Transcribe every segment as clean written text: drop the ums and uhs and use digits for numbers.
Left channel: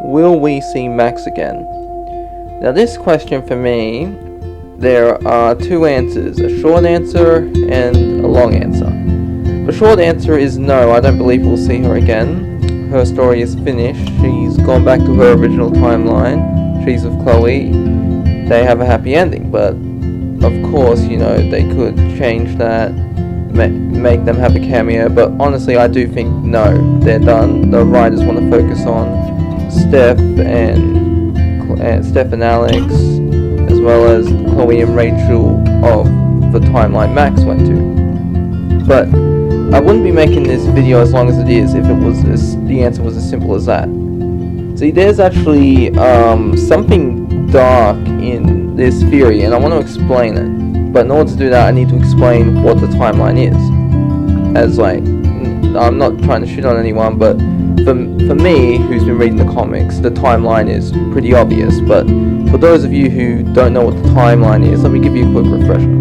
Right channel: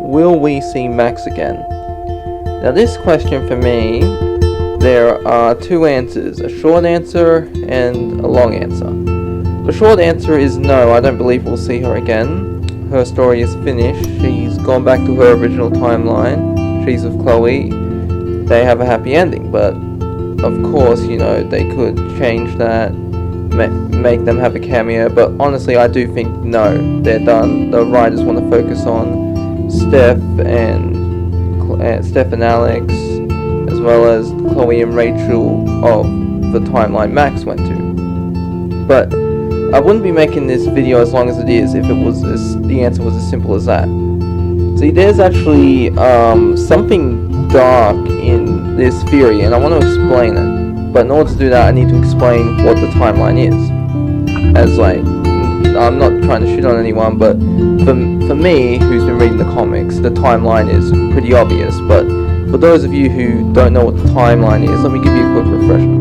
will we see Max again? Now this question for me, there are two answers, a short answer and a long answer. The short answer is no, I don't believe we'll see her again. Her story is finished, she's gone back to her original timeline, she's with Chloe, they have a happy ending, but of course, you know, they could change that, make them have a cameo, but honestly I do think no, they're done. The writers want to focus on Steph and Alex, as well as Chloe and Rachel of the timeline Max went to. But I wouldn't be making this video as long as it is if it was the answer was as simple as that. See, there's actually something dark in this theory, and I want to explain it. But in order to do that, I need to explain what the timeline is. As like, I'm not trying to shit on anyone, but for me, who's been reading the comics, the timeline is pretty obvious. But for those of you who don't know what the timeline is, let me give you a quick refresher.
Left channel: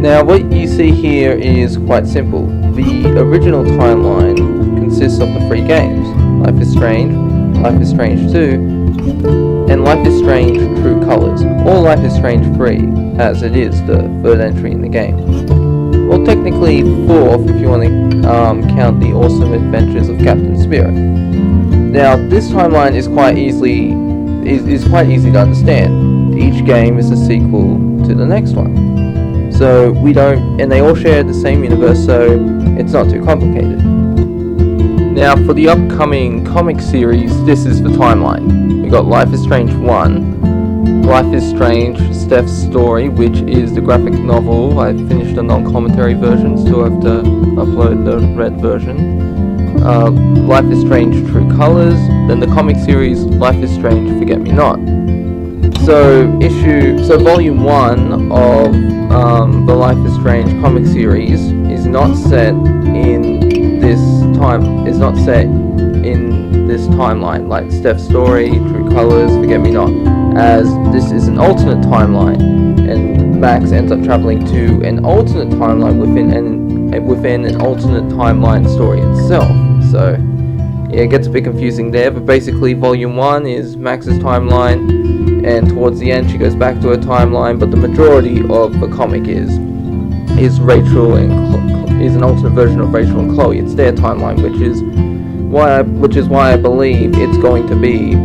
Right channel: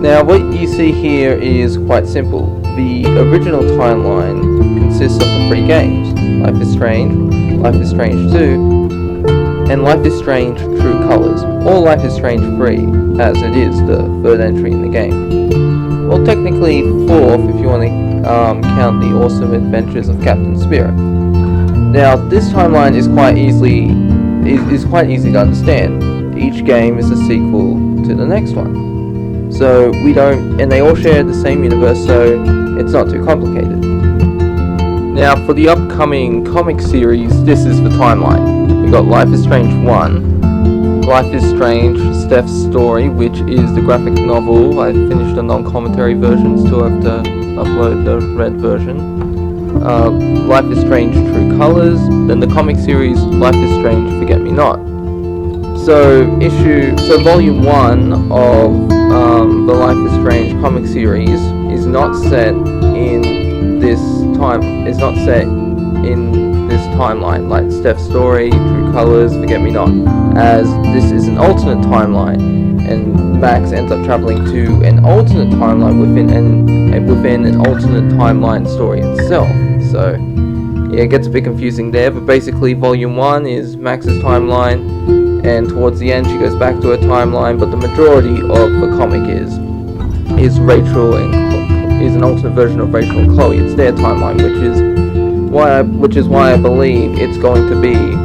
Now, what you see here is quite simple. The original timeline consists of the 3 games: Life is Strange, Life is Strange 2, and Life is Strange True Colors, or Life is Strange 3, as it is the 3rd entry in the game. Well, technically 4th if you want to count the Awesome Adventures of Captain Spirit. Now, this timeline is quite easy to understand. Each game is a sequel to the next one. So and they all share the same universe, so it's not too complicated. Now, for the upcoming comic series, this is the timeline. We got Life is Strange 1, Life is Strange, Steph's Story, which is the graphic novel. I finished the non-commentary version, still have to upload the red version. Life is Strange True Colors, then the comic series Life is Strange Forget Me Not. So volume 1 of the Life is Strange comic series is not set in this timeline, like Steph's Story, True Colors, Forget Me Not, as this is an alternate timeline, and Max ends up traveling to an alternate timeline within an alternate timeline story itself. So yeah, it gets a bit confusing there, but basically volume 1 is Max's timeline, and towards the end she goes back to her timeline, but the majority of the comic is Rachel and is an alternate version of Rachel and Chloe. It's their timeline, which is why I believe it's going to be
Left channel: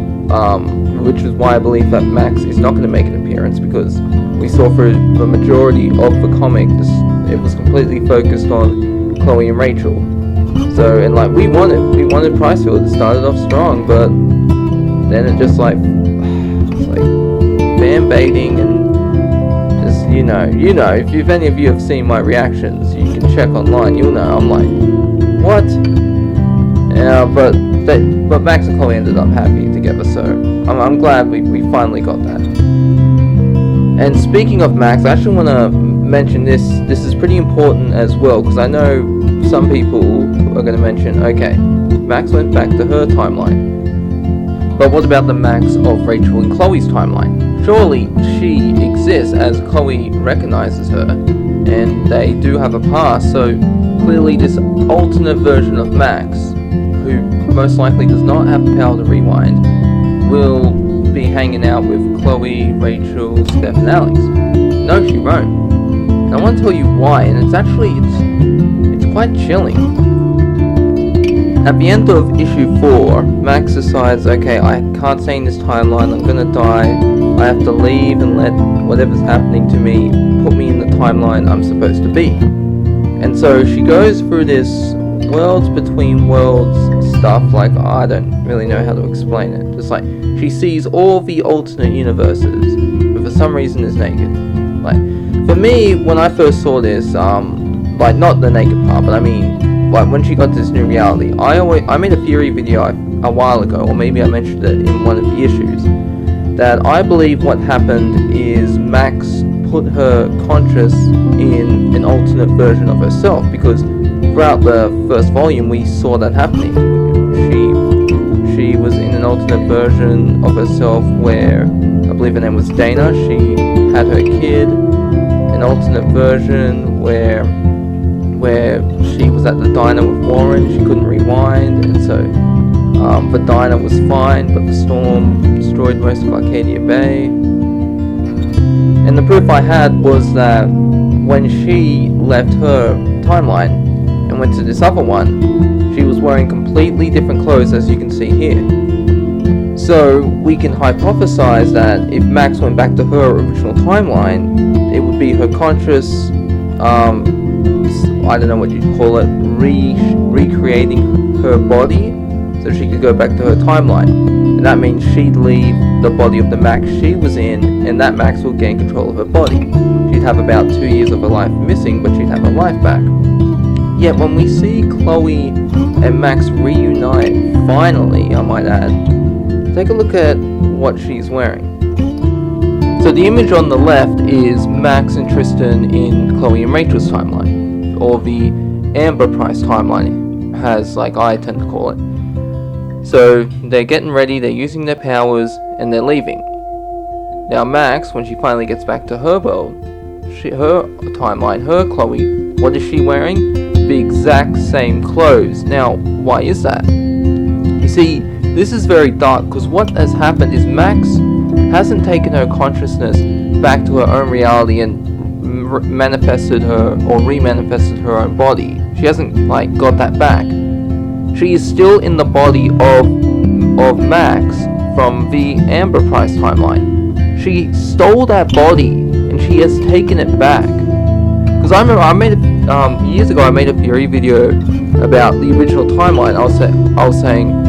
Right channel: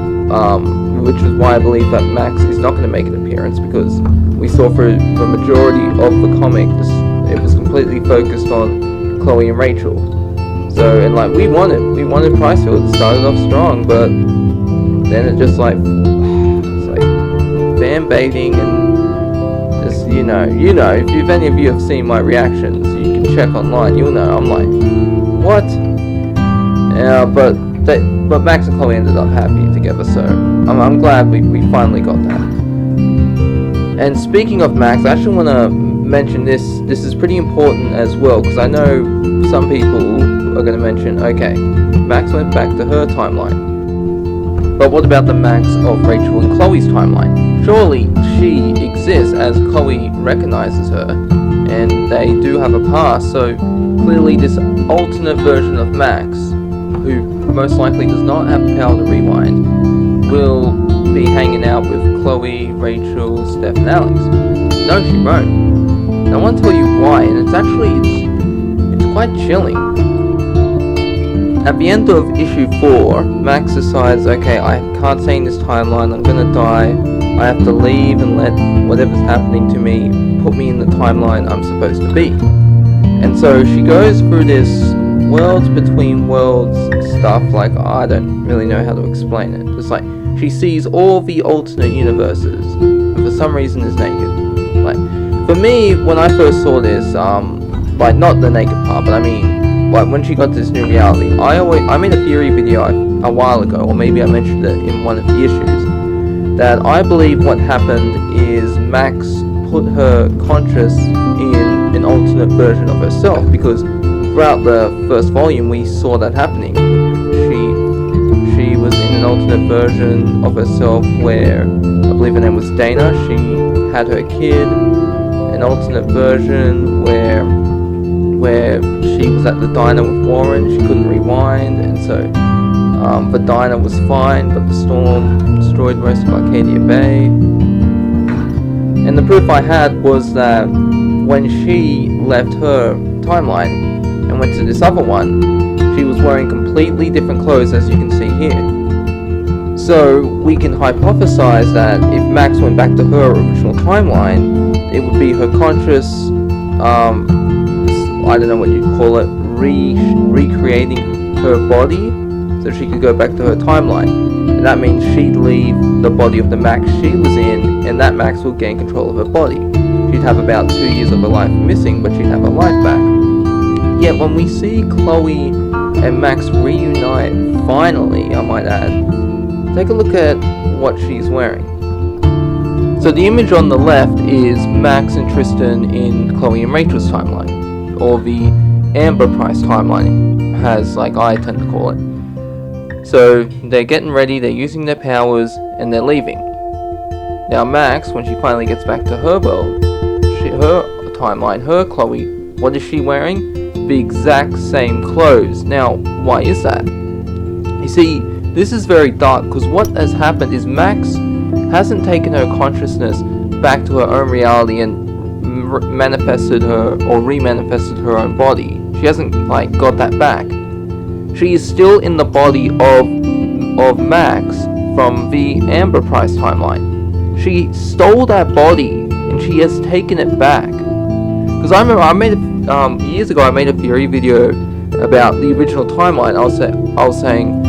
which is why I believe that Max is not going to make an appearance, because we saw for the majority of the comic it was completely focused on Chloe and Rachel. So, and like we wanted Pricefield. It started off strong, but then it just like fan baiting, and just you know if any of you have seen my reactions, you can check online, you'll know I'm like, what? Yeah, but Max and Chloe ended up happy together, so I'm glad we finally got that. And speaking of Max, I actually want to mention this is pretty important as well, because I know some people are going to mention, okay, Max went back to her timeline, but what about the Max of Rachel and Chloe's timeline? Surely she exists, as Chloe recognizes her, and they do have a past, so clearly this alternate version of Max, who most likely does not have the power to rewind, will be hanging out with Chloe, Rachel, Steph, and Alex. No, she won't. And I want to tell you why, and it's quite chilling. At the end of issue 4, Max decides, okay, I can't stay in this timeline, I'm gonna die, I have to leave and let whatever's happening to me put me in the timeline I'm supposed to be. And so she goes through this worlds between worlds stuff, like, I don't really know how to explain it. Just like, she sees all the alternate universes, but for some reason is naked. Like, for me, when I first saw this, like, not the naked part, but I mean, like, when she got this new reality, I made a theory video a while ago, or maybe I mentioned it in one of the issues, that I believe what happened is Max put her conscious in an alternate version of herself, because throughout the first volume we saw that happening. She was in an alternate version of herself where, I believe her name was Dana, she had her kid, an alternate version where she was at the diner with Warren, she couldn't rewind, and so Vidina was fine, but the storm destroyed most of Arcadia Bay. And the proof I had was that when she left her timeline and went to this other one, she was wearing completely different clothes, as you can see here. So we can hypothesize that if Max went back to her original timeline, it would be her conscious, I don't know what you'd call it, recreating her body so she could go back to her timeline. And that means she'd leave the body of the Max she was in, and that Max will gain control of her body. She'd have about 2 years of her life missing, but she'd have her life back. Yet when we see Chloe and Max reunite, finally, I might add, take a look at what she's wearing. So the image on the left is Max and Tristan in Chloe and Rachel's timeline, or the Amber Price timeline, as like I tend to call it. So they're getting ready, they're using their powers, and they're leaving. Now Max, when she finally gets back to her world, her timeline, her Chloe, what is she wearing? The exact same clothes. Now, why is that? You see, this is very dark, because what has happened is Max hasn't taken her consciousness back to her own reality and manifested her, or remanifested her own body. She hasn't, like, got that back. She is still in the body of Max from the Amber Price timeline. She stole that body, and she has taken it back. Because I remember I made years ago I made a theory video about the original timeline. I was saying,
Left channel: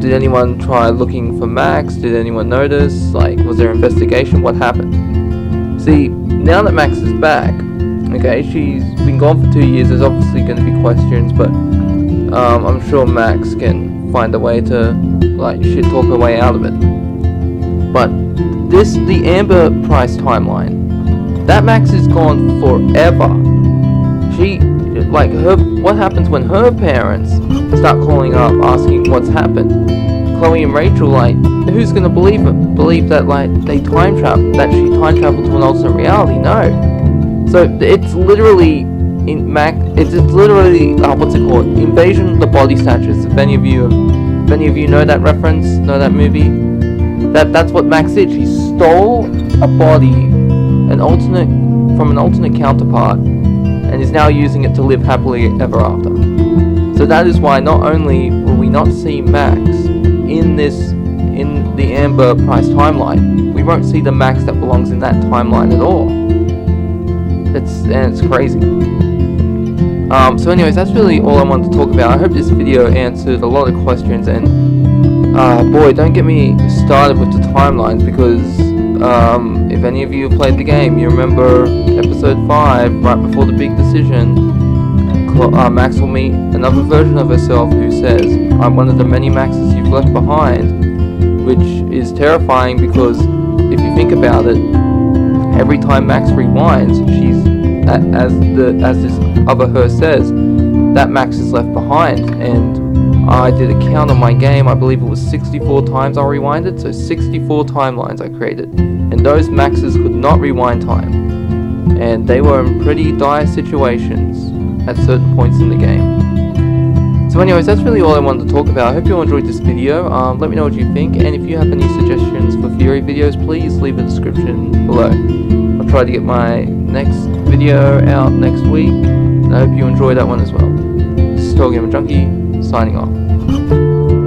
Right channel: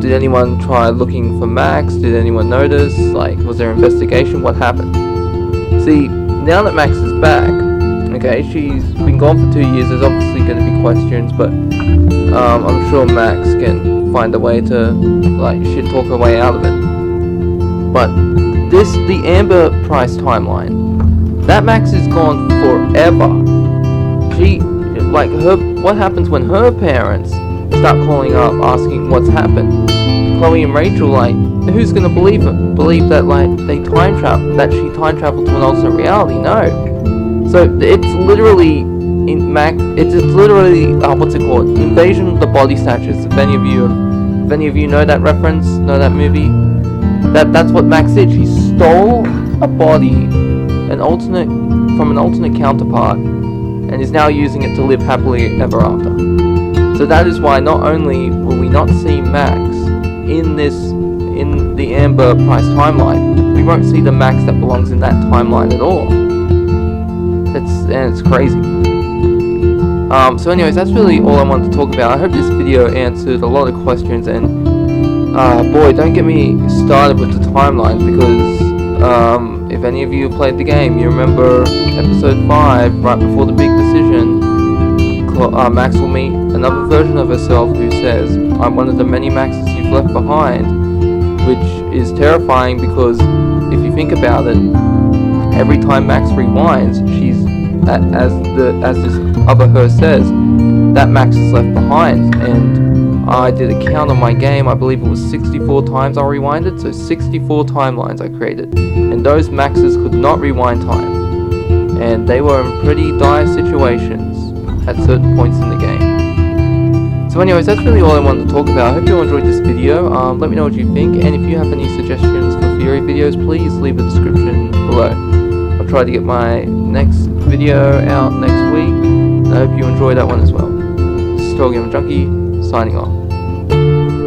did anyone try looking for Max? Did anyone notice? Like, was there investigation? What happened? See, now that Max is back, okay, she's been gone for 2 years. There's obviously going to be questions, but I'm sure Max can find a way to like shit talk her way out of it. But the Amber Price timeline, that Max is gone forever. She, like, what happens when her parents start calling up asking what's happened? Chloe and Rachel, like, who's gonna believe that, like, she time traveled to an alternate reality? No. So it's literally it's literally what's it called? Invasion of the Body Snatchers. If any of you know that reference, know that movie, that's what Max did. She stole a body, from an alternate counterpart, and is now using it to live happily ever after. So that is why not only will we not see Max in the Amber Price timeline, we won't see the Max that belongs in that timeline at all. It's crazy. So anyways, that's really all I wanted to talk about. I hope this video answered a lot of questions, and boy, don't get me started with the timelines, because if any of you played the game, you remember episode 5, right before the big decision, Max will meet another version of herself who says, I'm one of the many Maxes you've left behind, which is terrifying, because if you think about it, every time Max rewinds, she's, as this other her says, that Max is left behind. And I did a count on my game, I believe it was 64 times I rewinded, so 64 timelines I created, and those Maxes could not rewind time, and they were in pretty dire situations at certain points in the game. So anyways, that's really all I wanted to talk about. I hope you all enjoyed this video. Let me know what you think, and if you have any suggestions for theory videos, please leave a description below. I'll try to get my next video out next week, and I hope you enjoy that one as well. This is TotalGamerJunkie, signing off.